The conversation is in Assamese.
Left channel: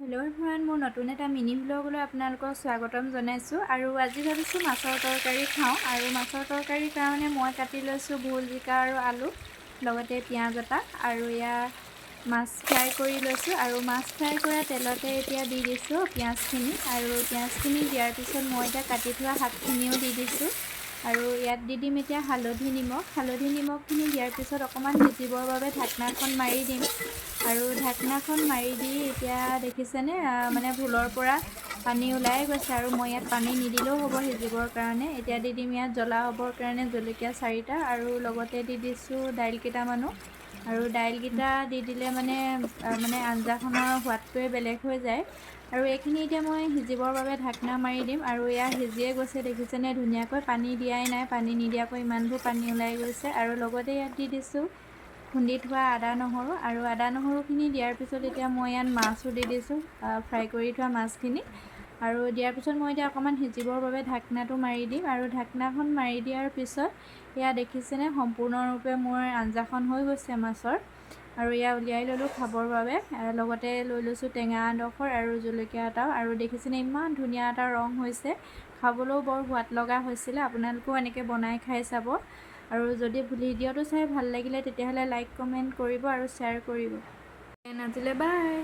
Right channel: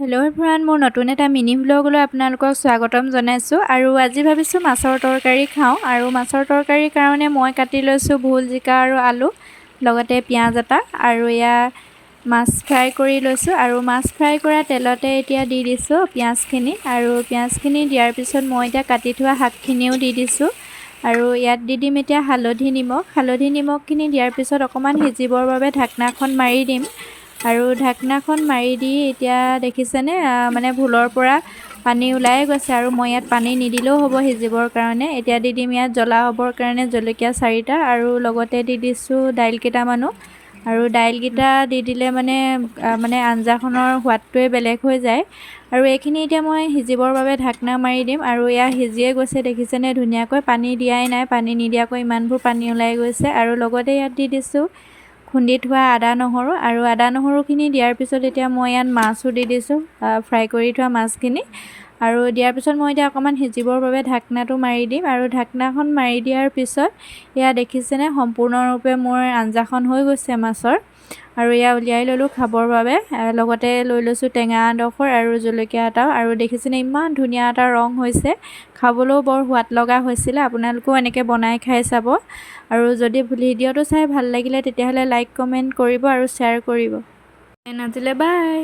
হেল্ল' এভৰিৱান, মোৰ নতুন এটা মিনি ভ্লগলৈ আপোনালোকক স্বাগতম জনাইছোঁ। আৰু আজি ভাবিছোঁ মাছৰ তৰকাৰী খাওঁ। আৰু মাছৰ তৰকাৰীৰ কাৰণে মই কাটি লৈছোঁ ভোল, জিকা আৰু আলু, লগতে পিঁয়াজ এটা। আৰু এয়া মাছ ফ্ৰাই কৰি লৈছোঁ। আৰু মাছ ফ্ৰাই কৰা তেলতে এতিয়া দি দিছোঁ পিঁয়াজখিনি। আৰু পিঁয়াজখিনি দিয়াৰ পিছত মই এতিয়া কাটি থোৱা শাকখিনিও দি দিছোঁ। আৰু ইয়াত দি দিম এতিয়া হালধি নিমখখিনি দিয়াৰ পিছত অকণমান সিজিবৰ বাবে ঢাকনাখন মাৰি দিম। আৰু ঢাকনাখন মাৰি দি এতিয়া দেখিছেনে মানে ভোলৰ পৰা পানী ওলাই গৈছে। আৰু মই ইয়াত পানী নিদিলেও হ'ব সিজিবৰ কাৰণে। এতিয়া দি দিম ইয়াত জ্বলা হ'বৰ কাৰণে জলকীয়া 4টা, আৰু লগতে দি দিছোঁ দাইল কেইটামানো। আৰু দাইলকেইটা দি দিলে মানে আঞ্জাখনৰ সোৱাদটোৱে বেলেগ হৈ যায়। আৰু এইখিনি এতিয়া মই সিজিবৰ বাবে ঢাকনা মাৰি দিম। আৰু এয়া সিজিয়ে গৈছে, দেখিছেনে ধুনীয়াকৈ, পানী দিয়াই নাই, পানী নিদিয়াকৈ ইমানবোৰ পানী ওলাই গৈছে। আৰু লগতে ইয়াত দি দিছোঁ খুন্দি থোৱা আদা নহৰু। আৰু আদা নহৰুখিনি দিয়াৰ পিছত এতিয়া মই ইয়াত মাছো দি দিছোঁ, ফ্ৰাই কৰি থোৱা মাছখিনি। আৰু দিয়াৰ পিছত মই এতিয়া অকণমান সিজিবৰ বাবে ঢাকনাটো মাৰি দিম। আৰু ঢাকনাখন মাৰি দিয়াৰ পিছত এয়া দেখিছেনে সম্পূৰ্ণৰূপে মোৰ আঞ্জাখন হৈ গৈছে মাছৰ। আৰু এয়া উলিয়াই ল'লোঁ খাবৰ বাবে। লগতে লৈ লৈছোঁ টেঙা এডোখৰ আৰু জলকীয়া এটাও। আৰু দেখিছেনে ইমান ধুনীয়া এটা ৰং হৈছে, খাবলৈও বৰ সোৱাদ লগা হৈছিলে। আপোনালোকেও এনেকৈ বনাই খাই চাব। আৰু যদি ভিডিঅ'টো চাই ভাল লাগিলে তেতিয়াহ'লে লাইক কমেণ্ট কৰিব আৰু শ্বেয়াৰ কৰিব। আজিলৈ বাই।